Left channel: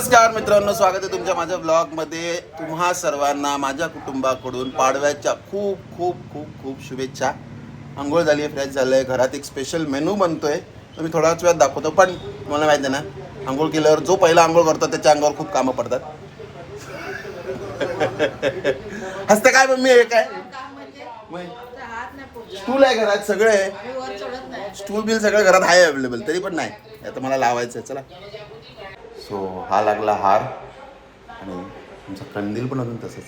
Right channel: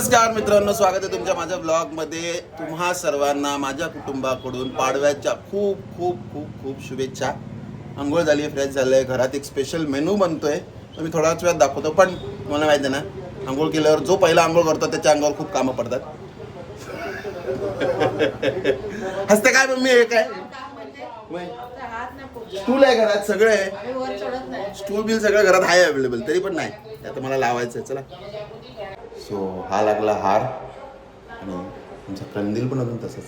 नमस्कार मित्रांनो, स्वागत आहे तुमच्या माझ्या ब्लॉगमध्ये. तुम्हा सर्वांना माझ्या कुटुंबाकडून पाडव्याच्या खूप खूप खूप खूप शुभेच्छा. आंघोळ झाली आहे, फ्रेश झालं आहे, घरात एक स्पेशल मेनू बनतोय, तो मी थोड्याच वेळात दाखवतो. पण मला माहिती आहे ना, आंघोळ केल्यावर जो पहिला आंघोळ करतो त्याच्या अंगावर खूप कामं पडतात. हसते काय मम्मी? हे काय स्टूल आहे घरात, सगळं आहे, स्टूल बिल सगळं घरात आहे अवेलेबल, तरी पण नाही. आता मला लावायचं आहे. चला, सो हा लागला हार आणि आमचा कंदील पण अजून तसंच.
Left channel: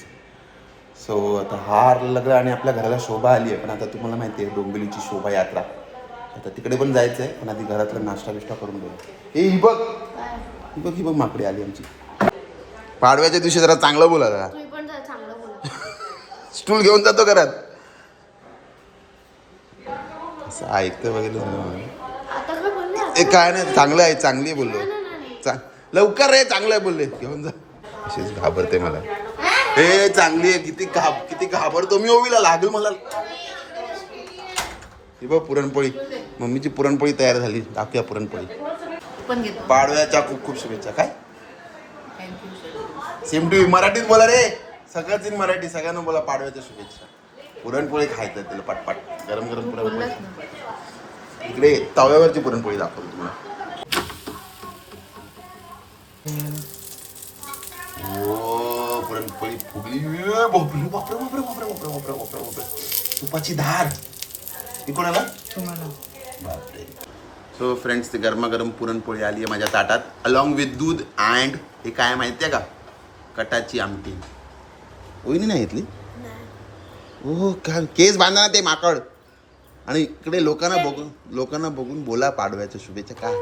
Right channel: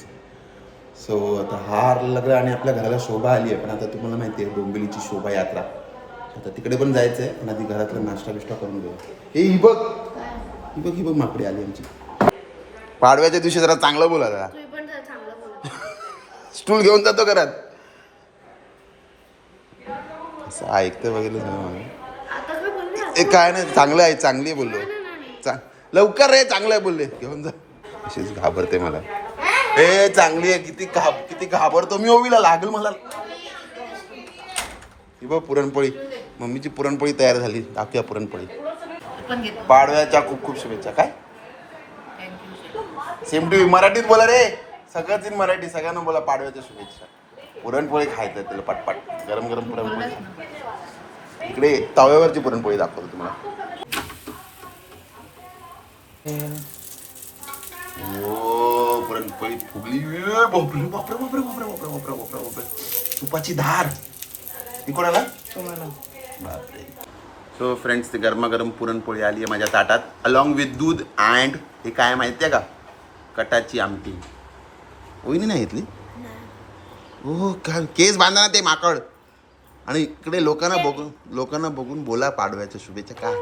सो आता हार लागला आणि आपल्या घराला शोभा आली आहे. पण आता तुम्हाला माहिती आहे डोंबिवलीची शोभा यात्रा, आता तिकडे पण जायचं आहे. पण आधी घरातला नाश्ता बिष्टा करून घेऊ. ही बघ, ही बघ माकडे आली आमची. पाडव्याच्या दिवशी जरा चांगलं बोला, स्टूल घेऊन जातो घरात. असं ऐकतं बघितलं ए, काय नाही, चांगलं आहे, चांगली आहे बोललो. लवकर रे, चांगलं आहे बोलले, घेऊन जा. अशीच घाबरते मला. हे चांगली आहे, किती घाबरतो मी. ओवीला लागल मला. ही बघ पुरणपोळी, मम्मीची पुरणपोळी तयार झाली. दाखवूया पुरणपोळी. पाडव्याच्या खूप खूप शुभेच्छा. काय सेम टू यू. मराठीत बोला रे, सगळंच इन मराठी. सगळ्यांना बोला पाडव्याच्या शुभेच्छा. पुरणपोळी खायचं त्याला पाटपाट, गरम गरम पुरणपोळी. इकडे तव्यावरची पुरणपोळी दाखवतो तुम्हाला. ओ पुरणपोळी फुगली. बापरे बापरे बापरे बापरे बापरे बापरे बापरे बापरे, तुपाची धार. ती कोणाला? बापरे. सो फ्रेंड्स, ती गरमागरम पुरणपोळी आली आहे माझ्या ताटात, अलॉंग विथ दूध अँड हे काय माहिती आहे का, कटाची आमटी. ओईनी नाही घेतली? हो का? केस बांधा ना ते माकड. आणि इकडे लोकांना बघून बोला पाडव्याच्या शुभेच्छा. काय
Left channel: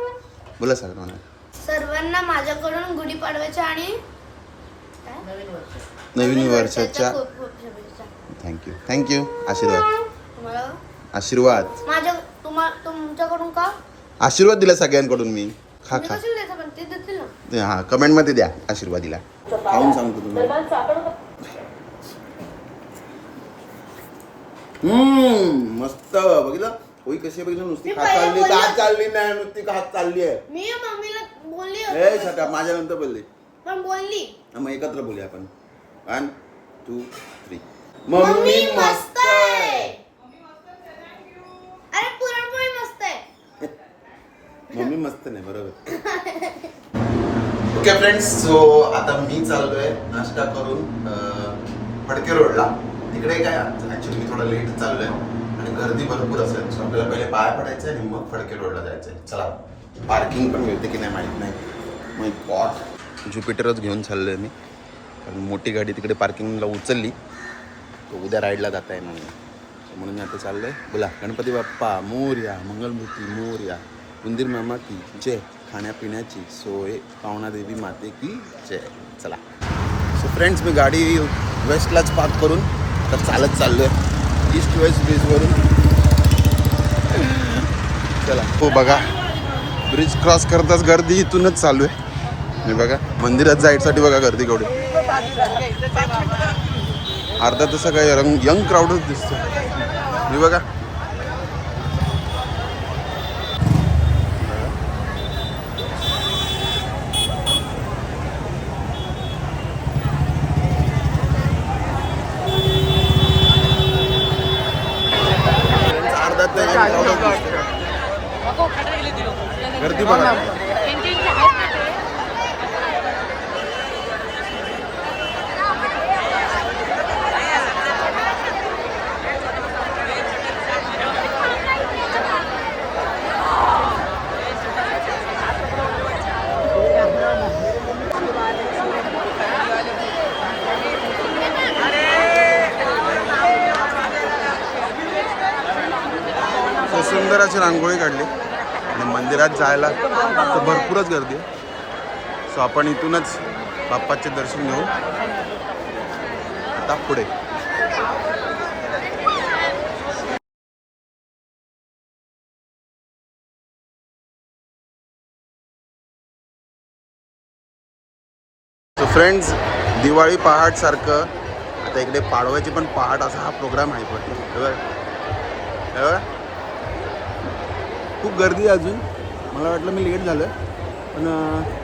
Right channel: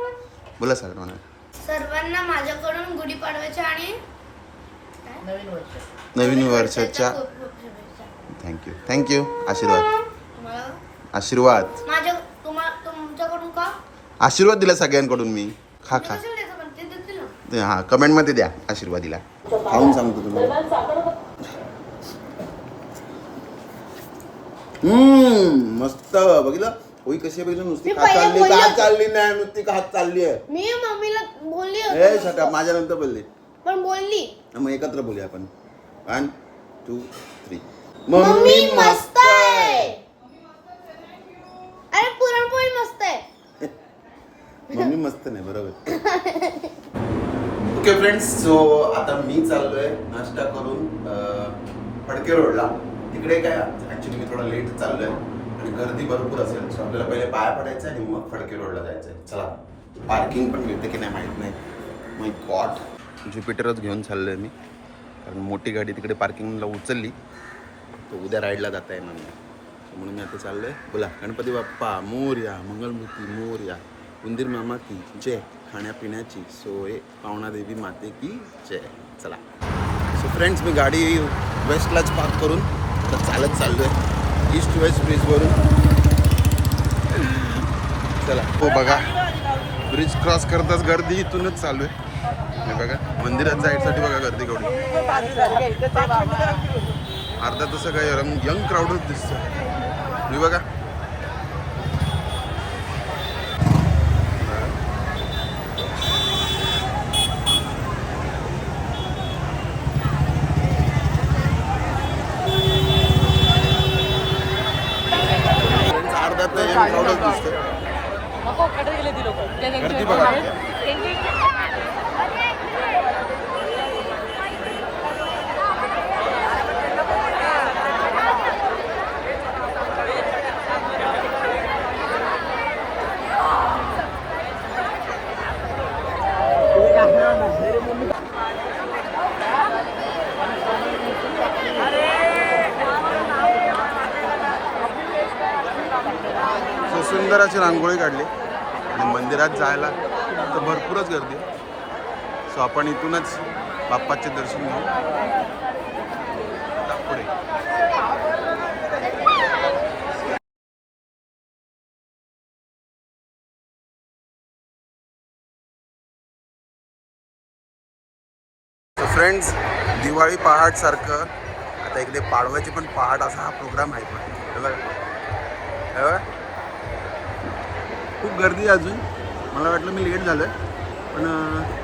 बोला सर्वांना माझ्याकडून गुढीपाडव्याच्या आणि नवीन वर्षाच्या थँक्यू. आशीर्वाद तुमच्याकडून का आशीर्वाद दिला सगळ्यांकडून मी. खा. हा, कमेंट मध्ये द्या आशीर्वाद दिला. खाऊन सांगतो तुम्हाला. मस्त. बघितलं होई कशी बघितलं. नुसती खात चालली का चालली नाही, नुसती खात चालली आहे. मी मम्मीला बोलली, ए छटा, माझ्या नंतर बोलले. पण बोलली. मग एकत्र बोलूया आपण. 1 2 3. मम्मी मस्त आहे. अरे पुरणपोळी मस्त आहे. मम्मी मस्त नाही, बरोबर. ओके फ्रेंड्स, सो आता मी चाललोय नाश्ता करून फडके रोडला. तिकडे काय ऍक्च्युली मी थोडा लेट चाललोय आणि गर्दी भरपूर असेल. सो आपल्याला पहिले पाया पडायचं आणि मग फडके रोडला जायचंय. चला, पार्किंग पण मिळते की नाही माहीत नाही. माय गॉड, ज्युपिटरच घेऊन चाललोय मी, कारण मोठी गाडी तिकडे पार्किंगला उचलली तर उद्या राईडला जाता येणार नाही. म्हणून मी आता चाललोय. बोला गणपती बाप्पा मोरया, मंगलमूर्ती मोरया, उंदीर मामा की जय, खाण्यापिण्याची सोय पावणा देवी माते की जय. चला. सो फ्रेंड्स, मी गाडी वेस्टलाच पार्क करून आता चालत चाललोय ईस्ट वेस्ट ब्रिजवरून. चला. हो बघा, ब्रिज क्रॉस करताच गर्दी इथूनच चालू आहे. मी बघा मंदिरात जायसाठी बघा गर्दी केवढी. अर्धा तसं काय यंग क्राऊडच दिसतोय. मी बघा अर्धा तर यंग क्राऊडच दिसतोय. गर्दी बघा. सो सुंदर अशी रांगोळी काढली आणि मंदिरात जायला तर भरपूरच गर्दी आहे. सो आपण इथूनच बाप्पाचे दर्शन घेऊ आता पुढे. सो फ्रेंड्स, दिवाळी पहाट सारखं आता इकडे पाडव्याची पण पहाट असा हा प्रोग्राम आहे. पण खूप गर्दी आहे अजून. मला वाटलं मी लेट झालं, पण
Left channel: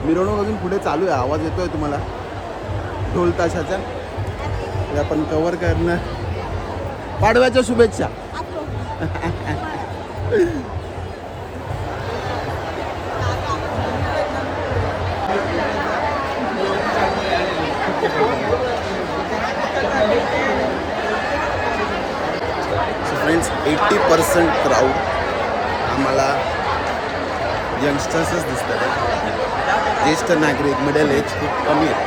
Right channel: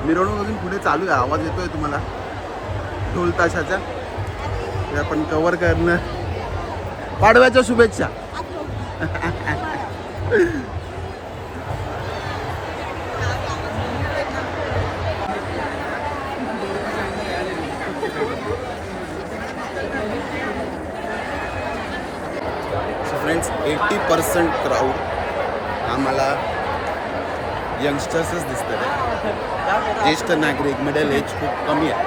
मिरवणूक अजून पुढे चालू आहे. आवाज येतोय तुम्हाला ढोल ताशाचा. ते आपण कव्हर करणं. पाडव्याच्या शुभेच्छा. फ्रेंड्स 80% क्राऊड आम्हाला यंगस्टर्सच दिसतात आहे. ज्येष्ठ नागरिक मिडल एज खूप कमी आहे.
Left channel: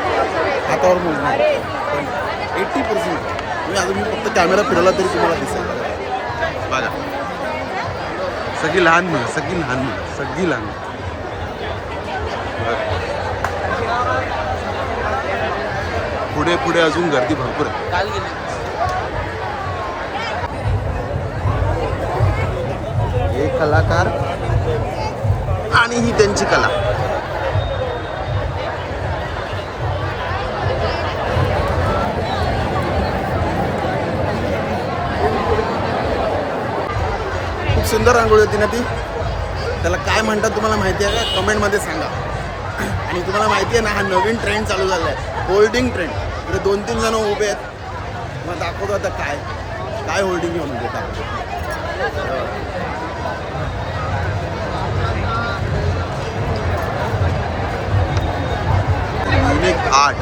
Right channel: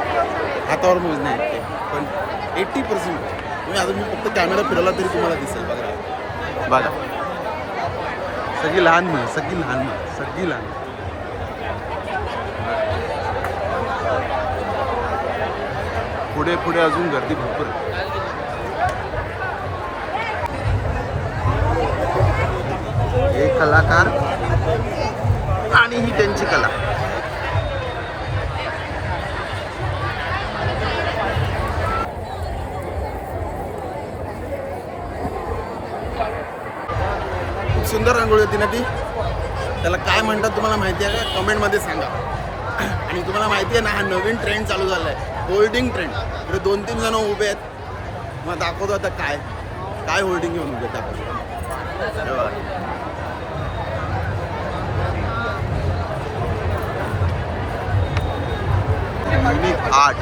हातावर मोजणं आहे पण 80% तुम्ही अजून मी फक्त कॅमेरा फिरवला तरी तुम्हाला दिसेल. बघा बघा सगळी लहान मुलं सगळी लहान मुलं सगळी लहान मुलं. पुढे पुढे अजून गर्दी भरपूर आहे. हे कलाकार आणि ही त्यांची कला. खूप सुंदर रांगोळी होती ना ती. त्याला काय म्हणतात तुम्हाला माहिती आहे का? कमेंटमध्ये सांगा. आणि तुम्हाला माहिती आहे ना हा नवीन ट्रेंड चालू झाला आहे, होल्डिंग ट्रेंड. इकडे 2-3 जण उभे आहेत. मग दाखवतो आता काय काय होल्डिंग घेऊन उभे दाखवतो. Unique art.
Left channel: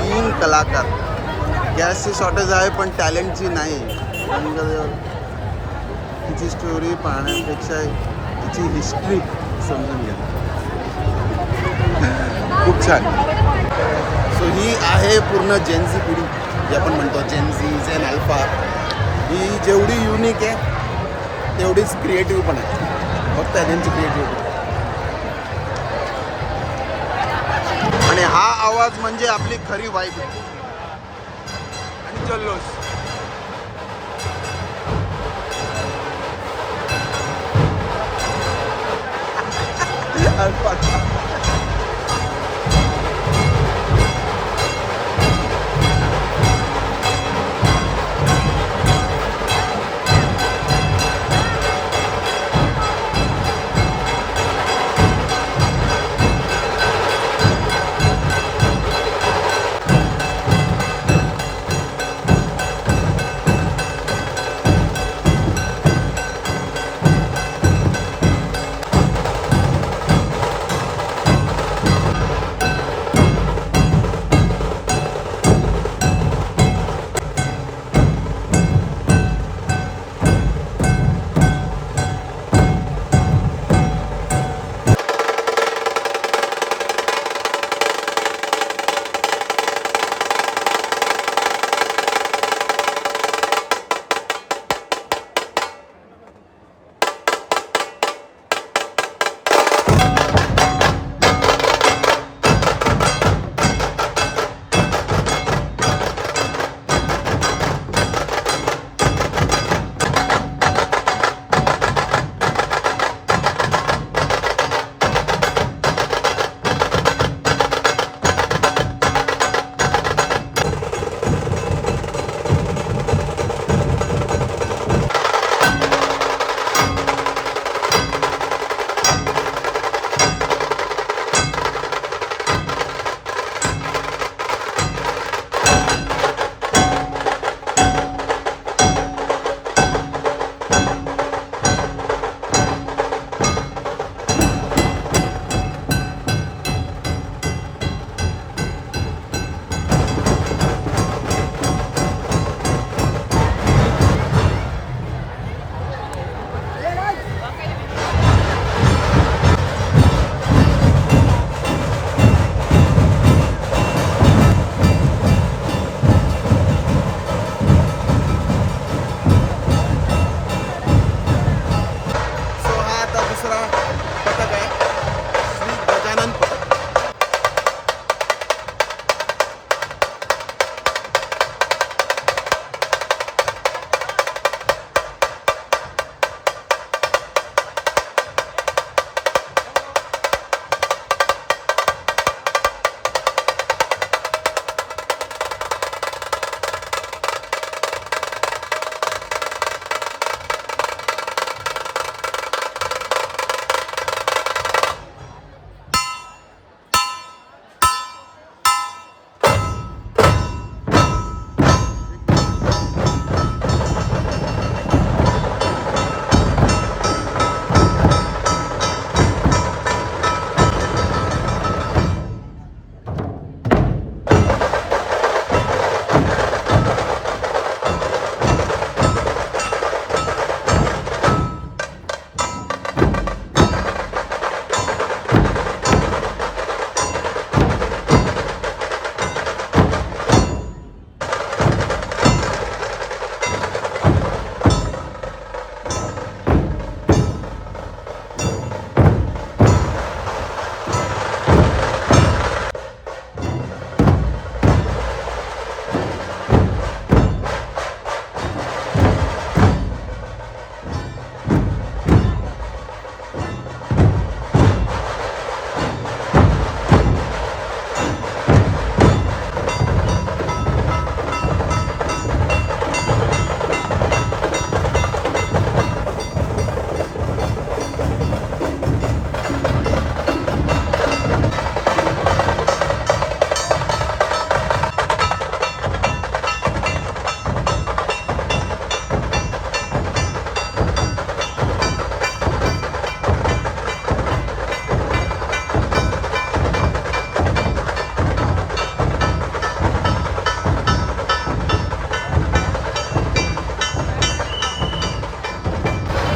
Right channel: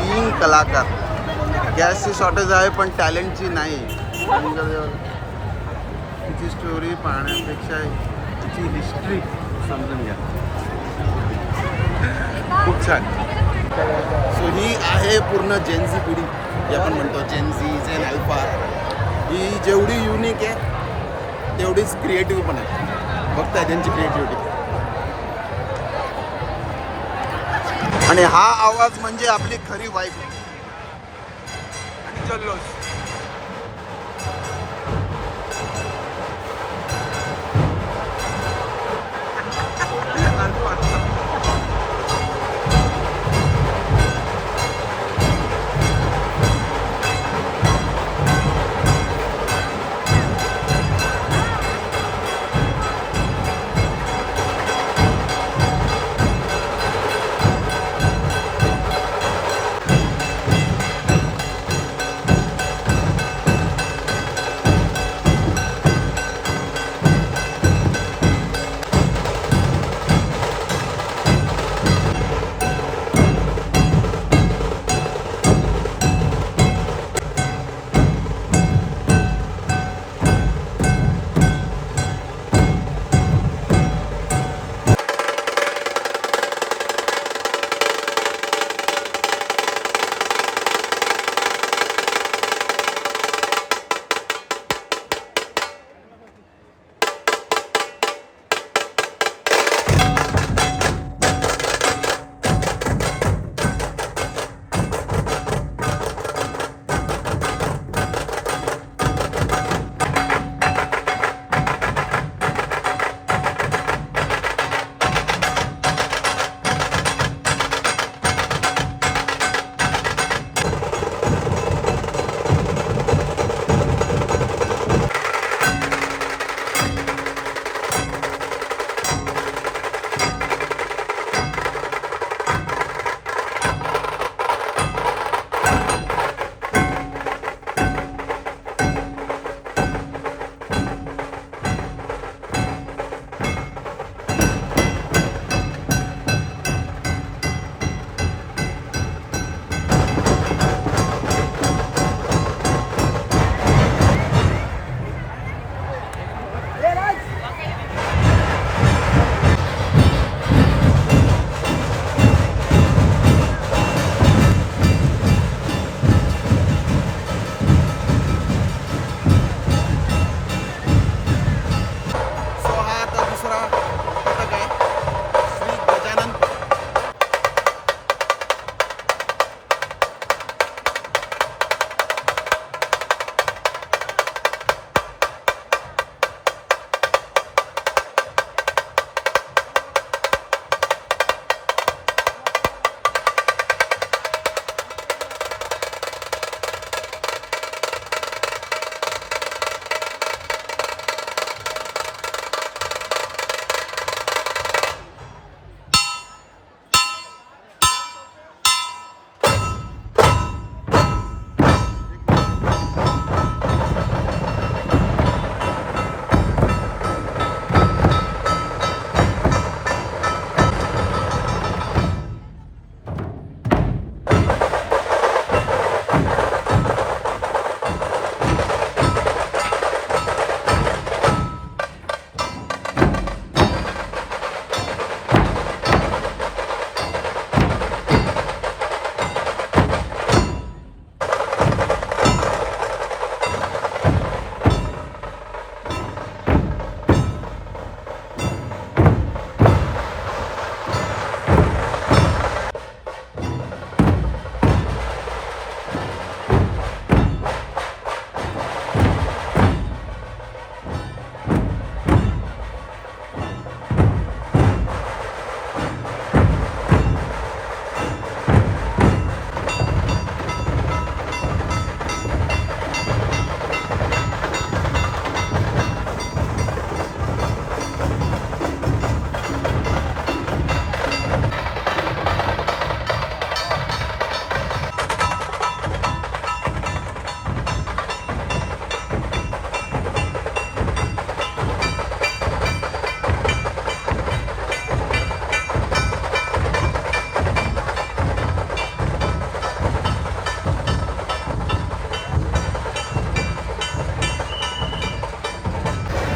3 कलाकार. गॅसची शॉर्टेज आहे पण टॅलेंटची नाही. तिची स्टोरी पाहण्यापेक्षा तिची हिस्ट्री समजून घ्या. खूप छान. सो ही आहे पूर्ण जेनझी पिढी जी आपण म्हणतो. जेनझी जेन अल्फा ही जेवढी युनिक आहे तेवढीच क्रिएटिव्ह पण आहे. बघताय त्यांची क्रिएटिव्हिटी. आणि हा आवाज म्हणजे आपली खरी वाईब आणि जल्लोष.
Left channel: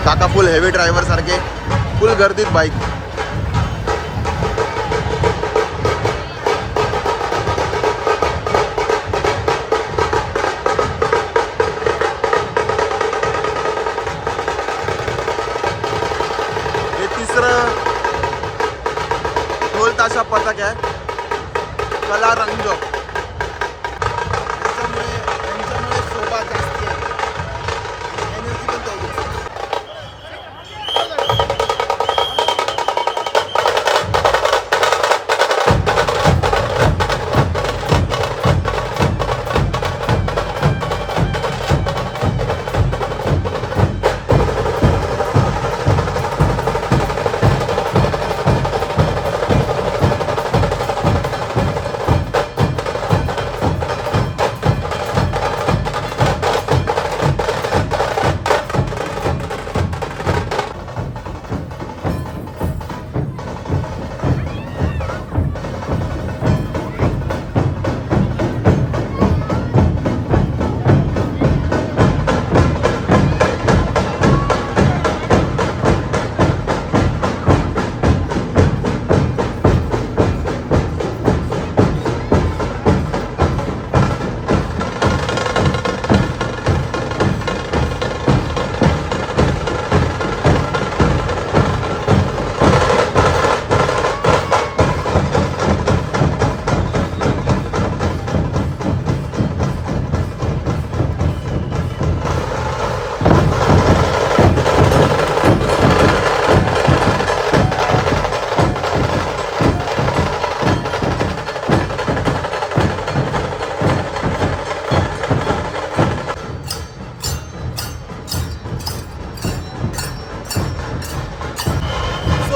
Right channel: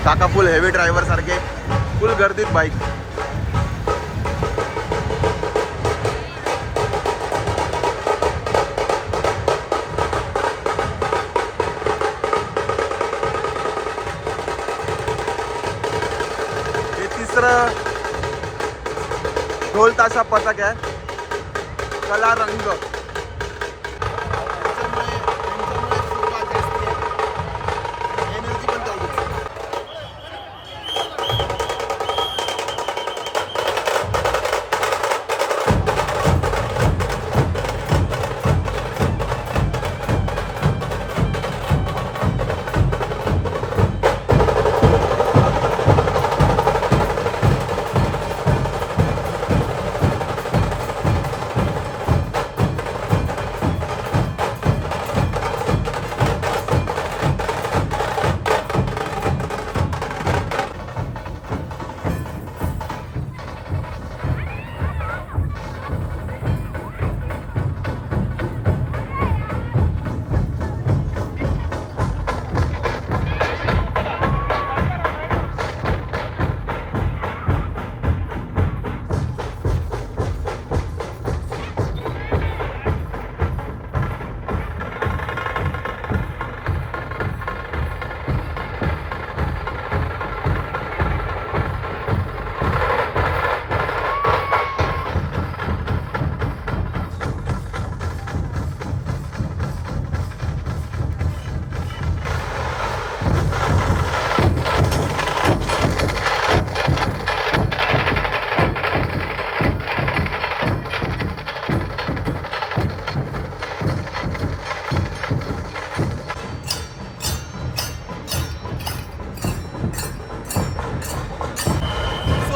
काका फुल हेवी ड्रायव्हर सारखे फुल गर्दीत बाईक. हे तिसरं ढोल ताशा पथक आहे, कला रंग. त्यांच्यामुळे शोभा जास्ती आहे आणि एनर्जी पण तेवढीच.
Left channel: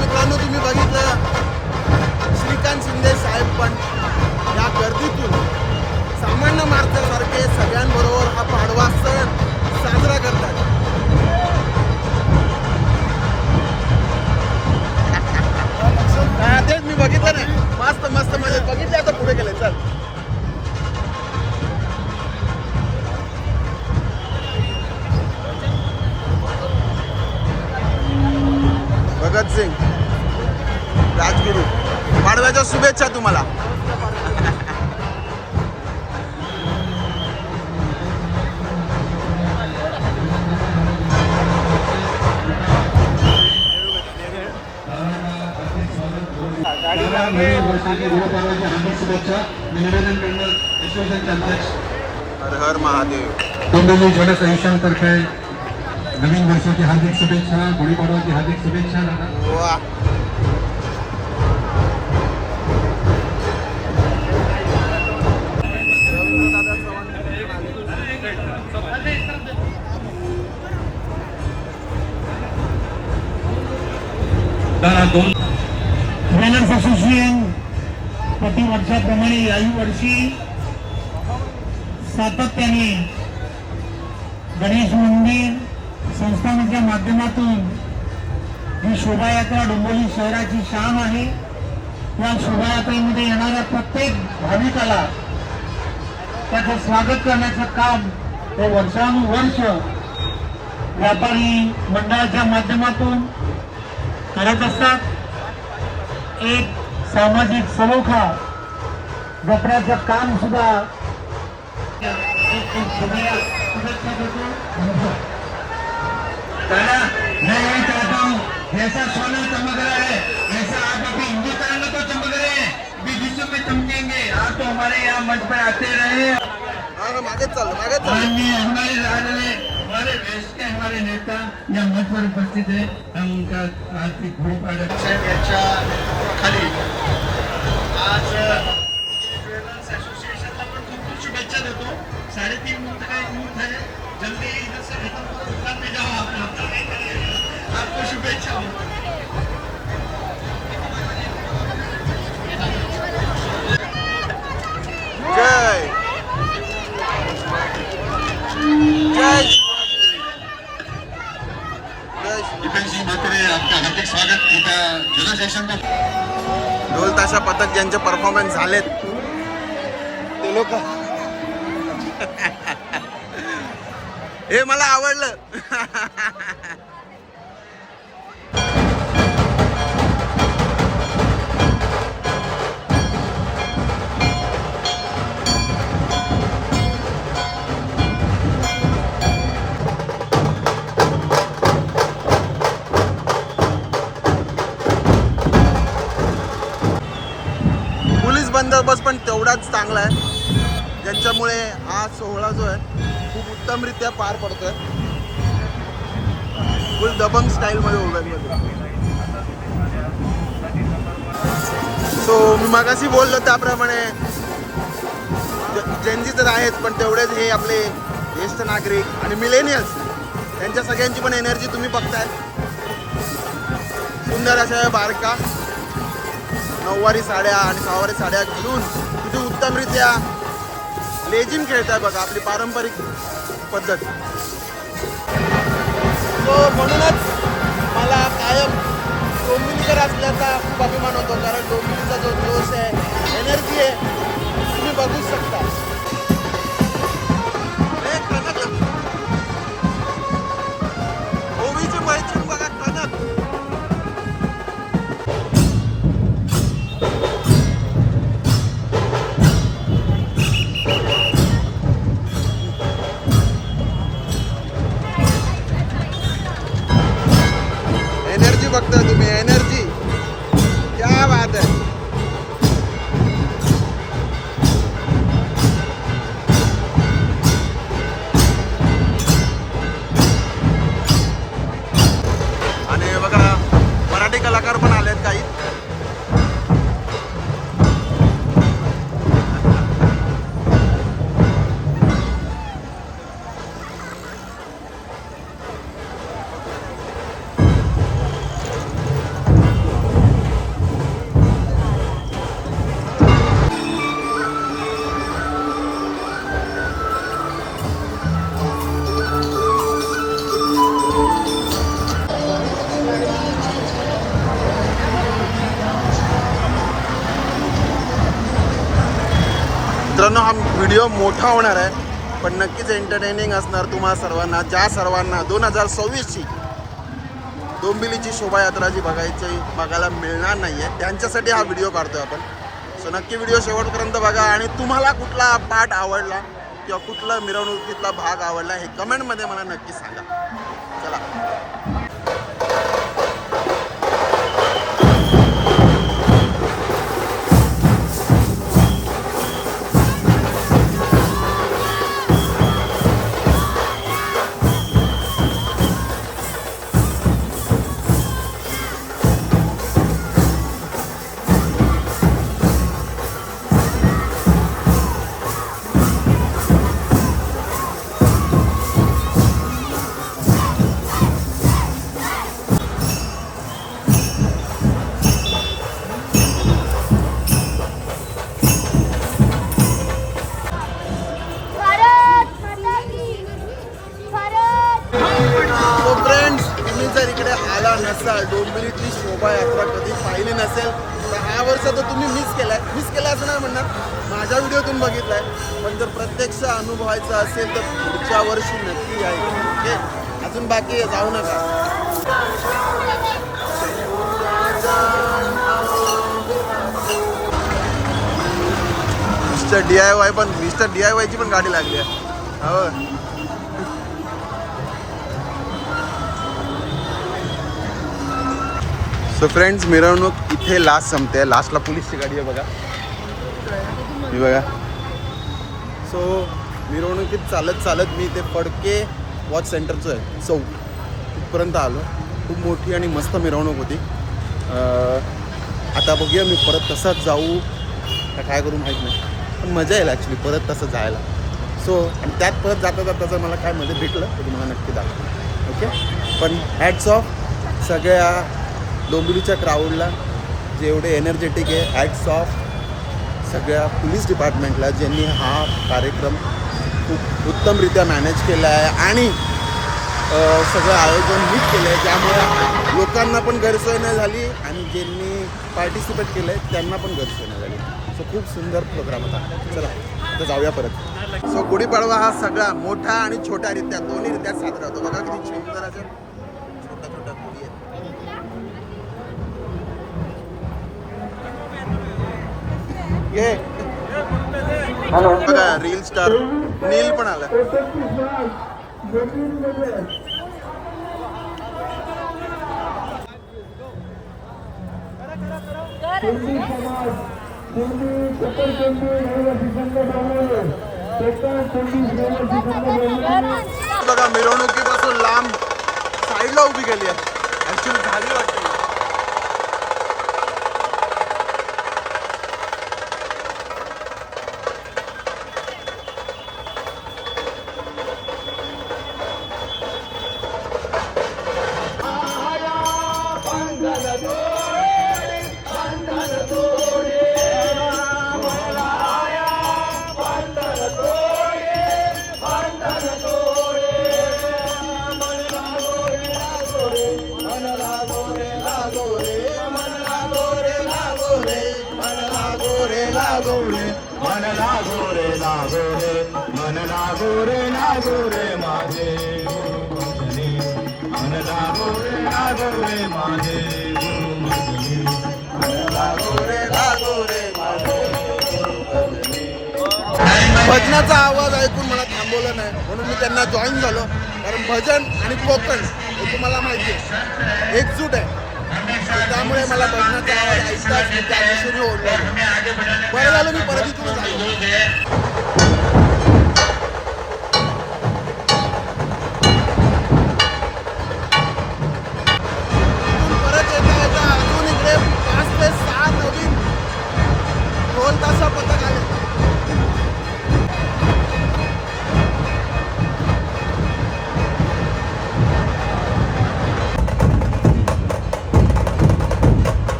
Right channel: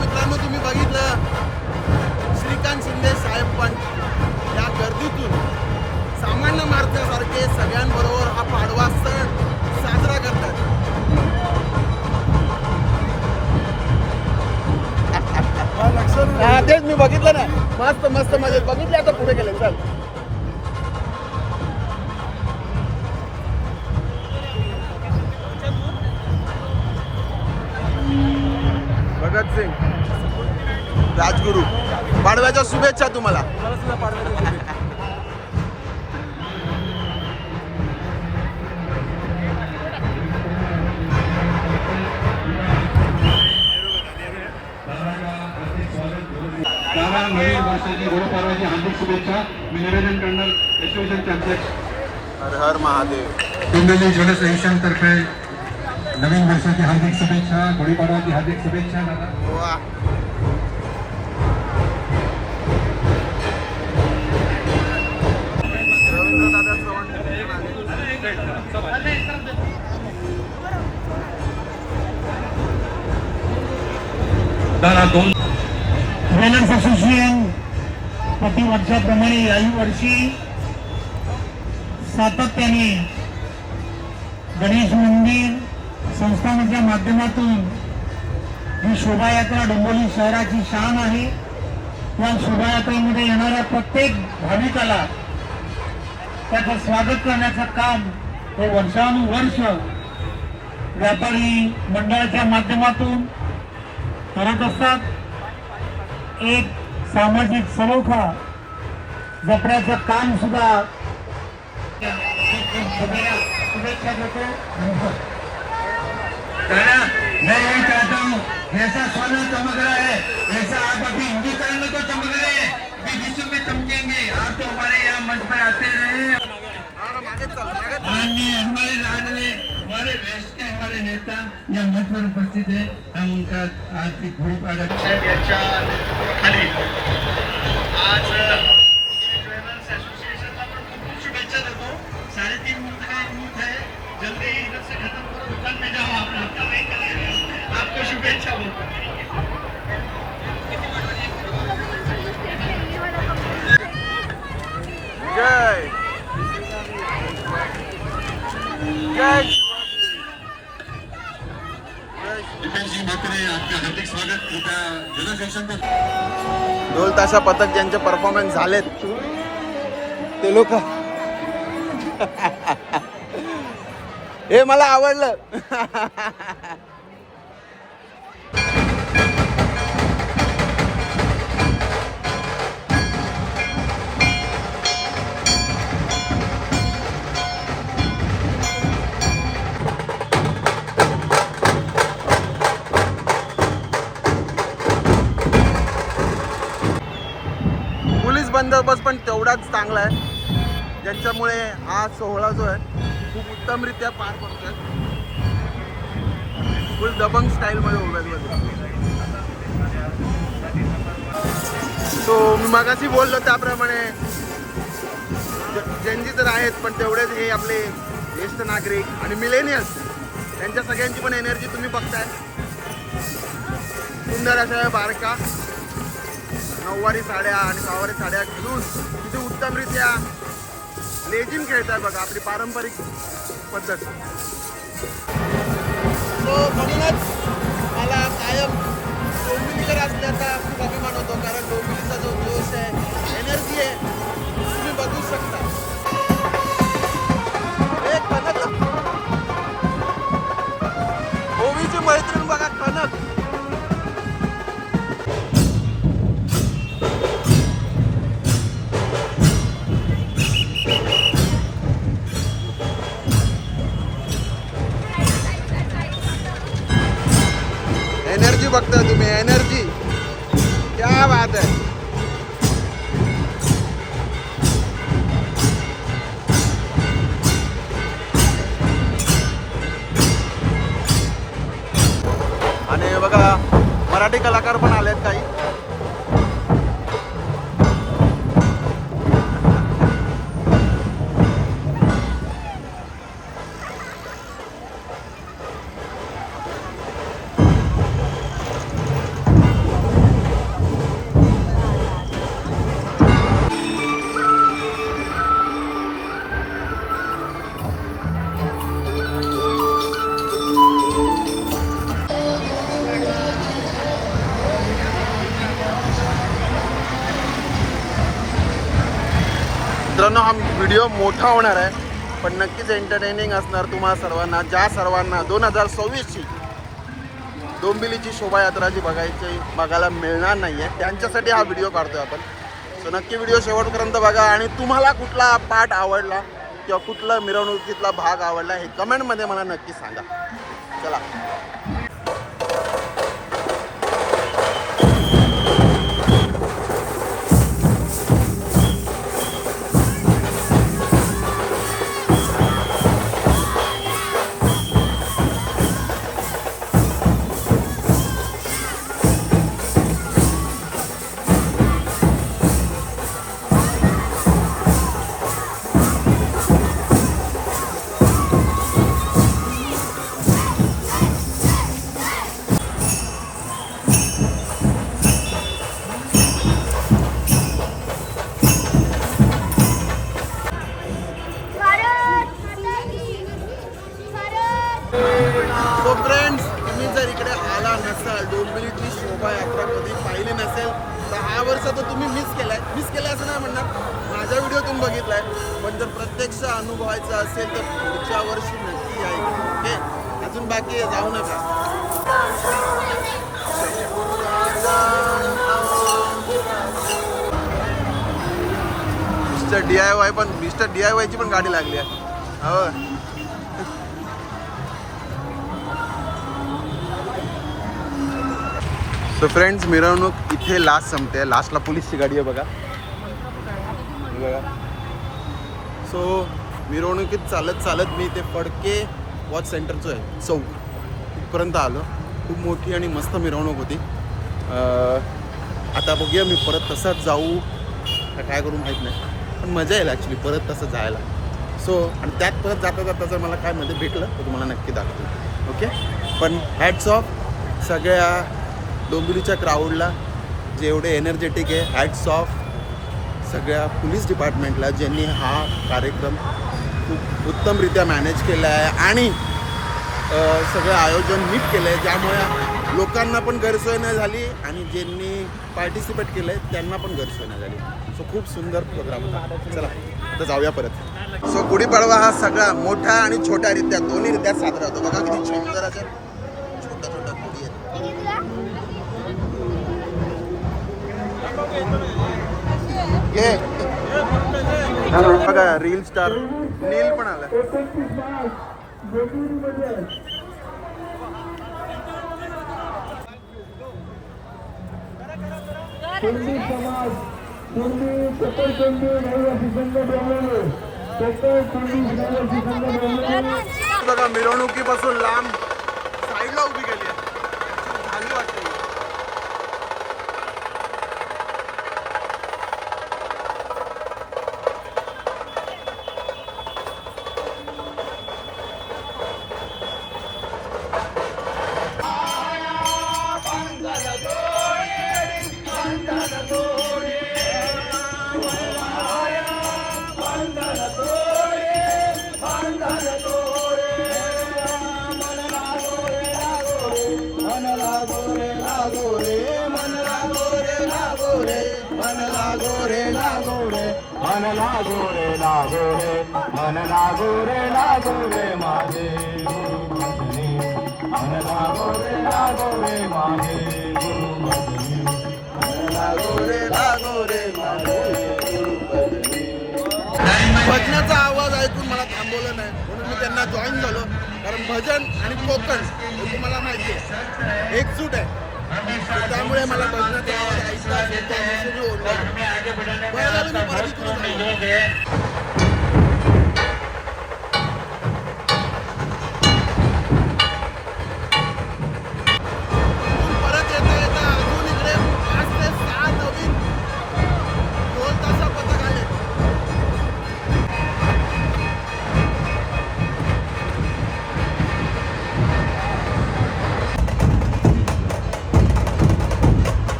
मित्रांनो, तुम्ही बघितलं श्रीकांत शिंदे साहेब पण या गर्दीतून सामान्य माणसासारखे सगळ्यांबरोबर हा पाडवा सण साजरा करतात. तेच मी बघितलं ना, मस्त मस्त मध्ये बघितले. आता पुढे गेले. चल भगतसिंग राजगुरू, पाडव्याच्या शुभेच्छा तुम्हाला. नवीन वर्षाची गुरुपर्वाची हार्दिक शुभेच्छा मी निवेदन करणार असोसिएशनचे अध्यक्ष हर हर महादेव. कुंडली जल संस्थांतर्फे नवीन वर्षाची हार्दिक शुभेच्छा, गुढीपाडवाची हार्दिक शुभेच्छा दादा. वा. ट्रेनर्स असोसिएशन प्रतिवर्षाप्रमाणे याही वर्षी सातत्याने गणेश मंदिर संस्थानाच्या माध्यमातून ही शोभायात्रा डोंबिवली शहराची शान आहे. या शोभायात्रेमध्ये येणाऱ्या प्रत्येक भाविकाला त्याचं स्वागत करण्याचं काम हे वर्षानुवर्ष व्यापारी मंडळाच्या माध्यमातून करत असतात. एक सामाजिक सलोखा जपण्याचं काम सुद्धा शुभेच्छा देतो. मैं यही चाहता हूँ ऐसा सोना चमक रहा है, ऐसा आप अभी हिंदुस्तान में तो चमक रहे हैं, भी विश्व में चमकेंगे. आप तो हमारे यहाँ मंच पर आते रहे. हमारे लाडले हमारे देश के हमारे नेता या मंच पर उपस्थित है. हम उनका आर्थिक गुरुपाडवा खाली आज ज्वेलर्स असोसिएशनला पण खूप शुभेच्छा देतो. 3.5 मूर्त का यूथ है, जल्दी इधर से खत्म करो, दुकान में जाओ. आपको शुभेच्छा हो. जय जय सिंह बोत्रे आपका हार्दिक स्वागत इथं जल सेशन पे. ढोल ताशा पथक ज्यांचे परफॉर्मन्स झालेत ते लोक हे मला आवडलं. बंदोबस्त पण तेवढाच चांगला आहे, ज्यांच्यामुळे हा सोहळा जो आहे खूप उत्तमरित्या पार पडतोय. फुल दबंग स्टाईलमध्ये उभ्या. सो मी मगाशी बोललो त्याप्रमाणे जेनजी तर आहेत, पण तेवढेच हे आपले ज्येष्ठ नागरिक आणि मिलेनियल्स, त्यांच्या सगळ्यांची पण एनर्जी तुम्ही बघताय. सुंदर अशा बारका नऊवारी साड्या आणि सहावारी साड्या घालून किती उत्तमरित्या लेझिम खेळताय बघा, आपली पारंपरिक पद्धत. तो म्हणूनच मला कायम डोंबिवलीकर असल्याचा खूप अभिमान होतो, कारण डोंबिवलीचा जो जोश आहे, एनर्जी आहे, तुम्ही बघू शकता. ओवीची मैत्रीण बघा, कनक. एनर्जी बघता तुम्ही, एनर्जी क्या बात आहे. आणि बघा मराठी कलाकार पण आलेत काही. मित्रांनो, हा व्हिडिओ मोठा होणार आहे, पण नक्कीच एंटरटेनिंग असणार तुम्हा सर्वांना. ज्या सर्वांना 2026ची डोंबिवलीची शोभायात्रा जी बघायला मिळणार नाही आहे, त्यांच्यासाठी हा व्हिडिओ काढतोय आपण. सो नक्की व्हिडिओ शेवटपर्यंत बघा, आणि तुम्हाला कुठला पार्ट आवडला किंवा कुठला मिरवणुकीतला भाग आवडला हे कमेंटमध्ये मला नक्की सांगा. चला. सो फ्रेंड्स, तुम्ही जर इकडे आला नसाल, डोंबिवलीतली शोभायात्रा कधी पाहिली नसेल, तर हा वर्ष तर तुम्ही मिस केलाय असं नाही म्हणणार, माझ्या व्हिडिओतून बघितलाय. पण जर प्रत्यक्ष अनुभवायचं असेल तर पुढच्या वर्षी नक्की या इकडे. ओके, अजून बाकी आहे, जाऊ नका. मिस्टर DIY ची पण गाडी लागली आहे. हो. सो फ्रेंड्स, मिरवणूक इथे लास्ट संपते. लास्टला पोलीसची गाडी आहे बघा, ही बघा. सो मिरवणुकीत चालत मी ते फडके वॉच सेंटरचं आहे चौक तिथपर्यंत आलो. खूप मोठी आणि मस्त मिरवणूक होती. आता बघूया मी परत तसाच जाऊ का काय करू माहीत नाही, पण मजा येईल ॲक्च्युली परत तसं जायला. सो आणि त्यात परत जाता जर मला काय मध्ये भेटलं तर तुम्हाला नक्की दाखवतो. ओके, पण हॅट्स ऑफ सगळ्या डोंबिवलीच्या क्राऊडला जे एवढे एनर्जेटिक आहे. हॅट्स ऑफ सगळ्या पोलीस डिपार्टमेंटला ज्यांनी हा कार्यक्रम खूप उत्तमरित्या मॅनेज केला आहे आणि सगळं आयोजन नीट केलं आहे, ज्यामुळे लोकांना पण गैरसोय नाही झाली आणि ज्यांनी पार्टिसिपेट केलं आहे त्यांना पण गैरसोय नाही झाली. सो खूप सुंदर प्रोग्राम होता. चला आता जाऊया परत. सो गुढीपाडवा हा सगळा मोठा आणि छोट्यारित्या दोन्हीरित्या साजरा होतो. बघा किती सुंदर अशा छोट्या छोट्या गुढी आहेत. ये बघा रील स्टार नील पण आला. बघा मिरवणुकीपासून लांब साईडला उभी केली आहे. ऍक्च्युली झाली वाटते. भजनाचा आवाज ऐकून मला थांबवलं नाही म्हणून मी त्यांना जॉईन झालो. कारण भजन आणि कोकण हे तुम्हाला माहिती आहे एकजूट आहे. तर त्यामुळे मला भजनाचा आवाज ऐकतात मी त्या दिशेने ओढलो. बरं झालं मी परत इथून झालो. परत येता येता अजून इकडे 5 ते 6 नवीन ढोल ताशा पथक आले.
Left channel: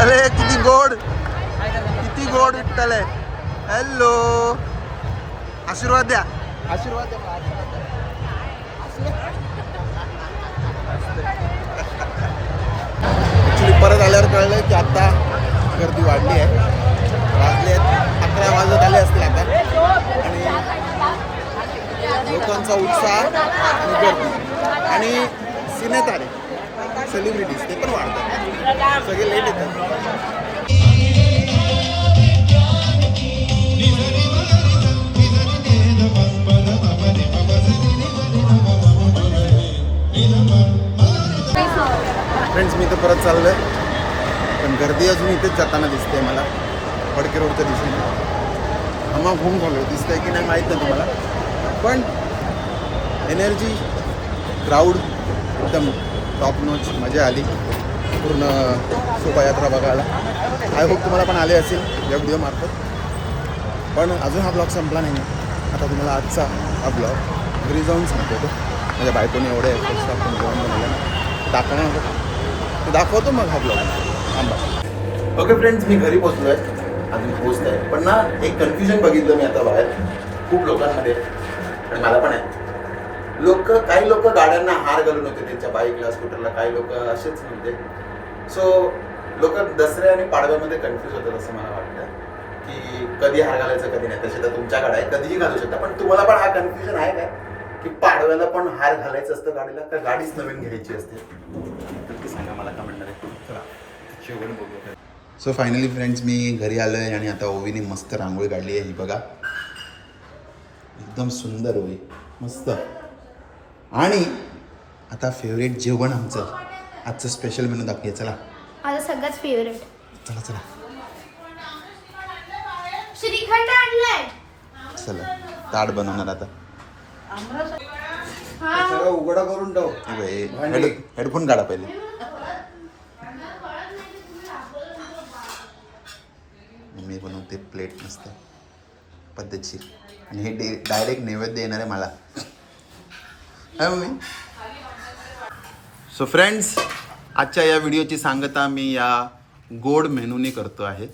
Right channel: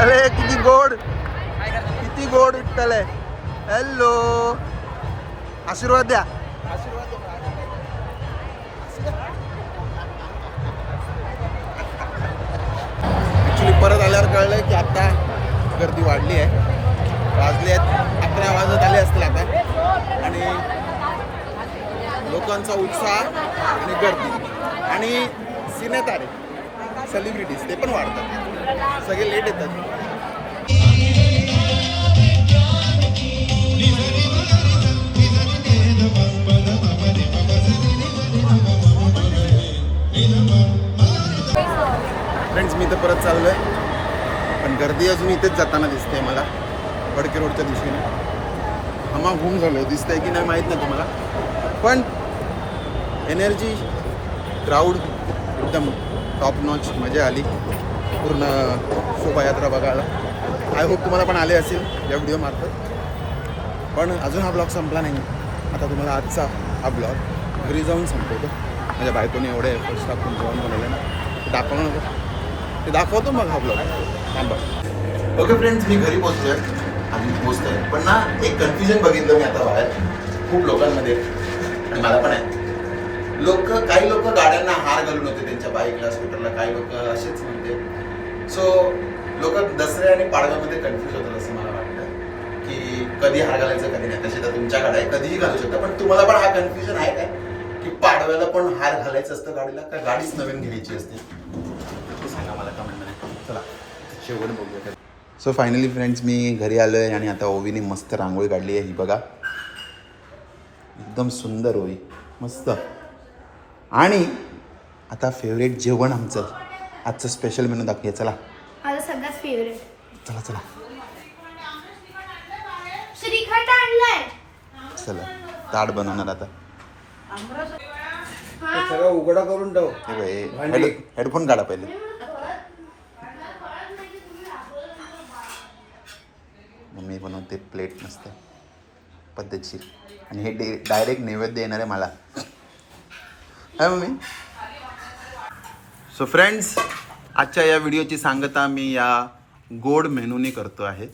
अरे किती गोड विठ्ठल आहे. हॅलो आशीर्वाद द्या. आशीर्वाद द्या. ऍक्च्युली परत आल्यावर कळलं की आता गर्दी वाढली आहे. वाजले आहेत 11 वाजत आले असतील आता. आणि लोकांचा उत्साह आणि गर्दी आणि सिनेतारे सेलिब्रिटीज ते पण वाढतात. सगळे लेट येतात. फ्रेंड्स मी तर परत चाललोय पण गर्दी अजून इथेच जाताना दिसते मला फडके रोडच्या दिशेने. घुम झालो दिसतंय की नाही माहीत नाही तुम्हाला पण एनर्जी क्राऊड एकदम टॉप नॉच. मजा आली पूर्ण शोभायात्रा बघायला. आय होप तुम्हाला पण आले असेल या व्हिडिओमार्फत. पण अजून हा ब्लॉग संपला नाही. आता तुम्हाला आजचा हा ब्लॉग घरी जाऊन संपवतो. माझ्या बायकोने एवढे एफर्ट्स टाकून जेवण बनवले ना ते दाखवणार नको. ते दाखवतो मग हा ब्लॉग. थांबा. ओके फ्रेंड्स मी घरी पोचलो आहे. अजून पोचत आहे पण ना एक कन्फ्युजन बघितलं मी आता बाहेर खूप लोकांमध्ये आणि मला पण आहे. काही लोक गाड्यांना हार घालून होते त्यांच्या बाईकला स्कूटरला. काही लोक असेच म्हणजे सो लोक दसऱ्या आणि पाडव्यामध्ये कन्फ्युज होतात असं मला वाटतं की कधी हार घालायचं कधी नाही. तसे तर तुमच्याकडे आहे कधीही घालू शकता. पण तुम्हाला पण हा कन्फ्युजन आहे काय की पाडव्याला पण हार घालायचं असतं गाडीला का गाडीच नवीन घ्यायची असते सांगा मला कमेंटमध्ये. चला शेवट बघूया. सो फायनली फ्रेंड्स मी घरी आलो आहे आणि आता ओवीने मस्त रांगोळी काढली आहे. ही बघा एकदम सुंदर ओवी मस्त. आणि आता फेवरेट जेवण आमचं आजचं स्पेशल मेनू दाखवूया चला. माझा सगळ्यात फेवरेट चला चला श्रीखंड आणलाय. चला ताट बनवणार आता. सगळं उघडा करून ठेव. हे बाई हेडफोन काढा पहिले. मम्मी बनवते प्लेट मस्त पद्धतशीर आणि हे डायरेक्ट नैवेद्य येणार आहे मला. हाय मम्मी. सो फ्रेंड्स, आजच्या या व्हिडिओची सांगता मी या गोड मेनूने करतो आहे.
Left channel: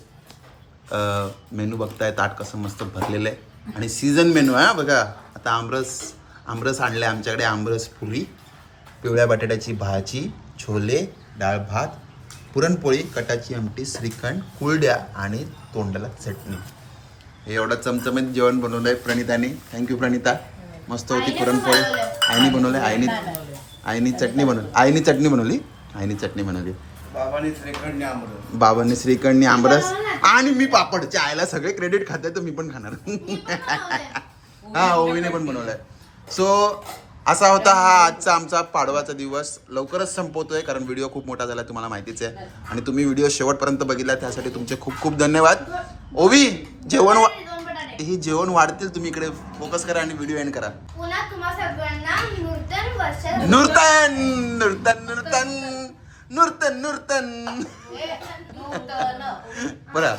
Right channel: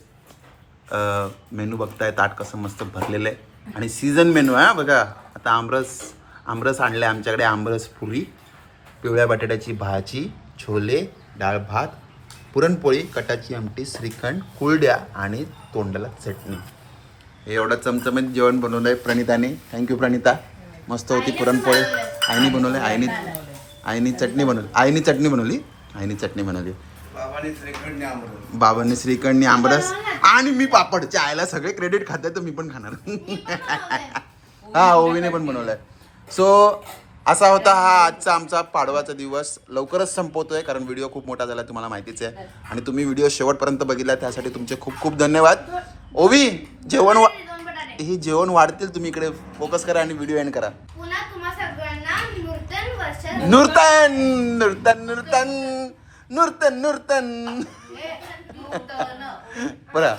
मेनू बघताय ताट कसं मस्त भरलेलं आहे आणि सीझन मेनू आहे बघा. आता आमरस आणलं आहे आमच्याकडे. आमरस पुरी, पिवळ्या बटाट्याची भाजी, छोले, डाळ भात, पुरणपोळी, कटाची आमटी, श्रीखंड, कुरड्या आणि तोंडाला चटणी. हे एवढं चमचमीत जेवण बनवलं आहे प्रणिताने. थँक्यू प्रणिता. मस्त होती पुरणपोळी. आईनी बनवलं आईनी चटणी बनवली. आईनी चटणी बनवली. बाबांनी श्रीखंड आमरस. बाबांनी श्रीखंड आमरस आणि मी पापड. आयला सगळे क्रेडिट खाते तर मी पण खाणार. हा ओवीने पण बनवलाय. सो असा होता हा आजचा आमचा पाडवाचा दिवस. लवकरच संपवतोय कारण व्हिडिओ खूप मोठा झाला तुम्हाला माहितीच आहे. आणि तुम्ही व्हिडिओ शेवटपर्यंत बघितला त्यासाठी तुमचे खूप खूप धन्यवाद. ओवी जेवण वाढतील. तुम्ही इकडे फोकस करा आणि व्हिडिओ एंड करा. पुन्हा तुम्हा सगळ्यांना नूतन वर्ष. नूतन बरं.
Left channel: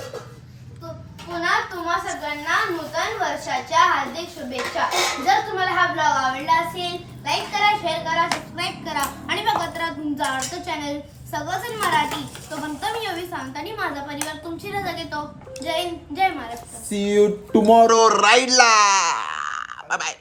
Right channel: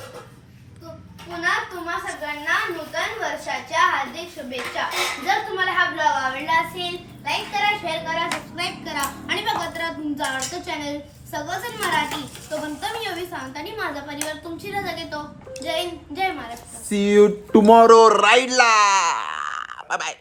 पुन्हा तुम्हा सगळ्यांना नूतन वर्षाच्या हार्दिक शुभेच्छा. जर तुम्हाला हा ब्लॉग आवडला असेल लाईक करा, शेअर करा, सबस्क्राईब करा आणि बघत राहा तुमचा आवडतं चॅनल सगळंजण मराठी. तो बनतो मी ओवी सावंत आणि माझा परिवार तुमची रजा घेतो. जय हिंद, जय महाराष्ट्र. सी यू टुमॉरो राईडला. Bye bye.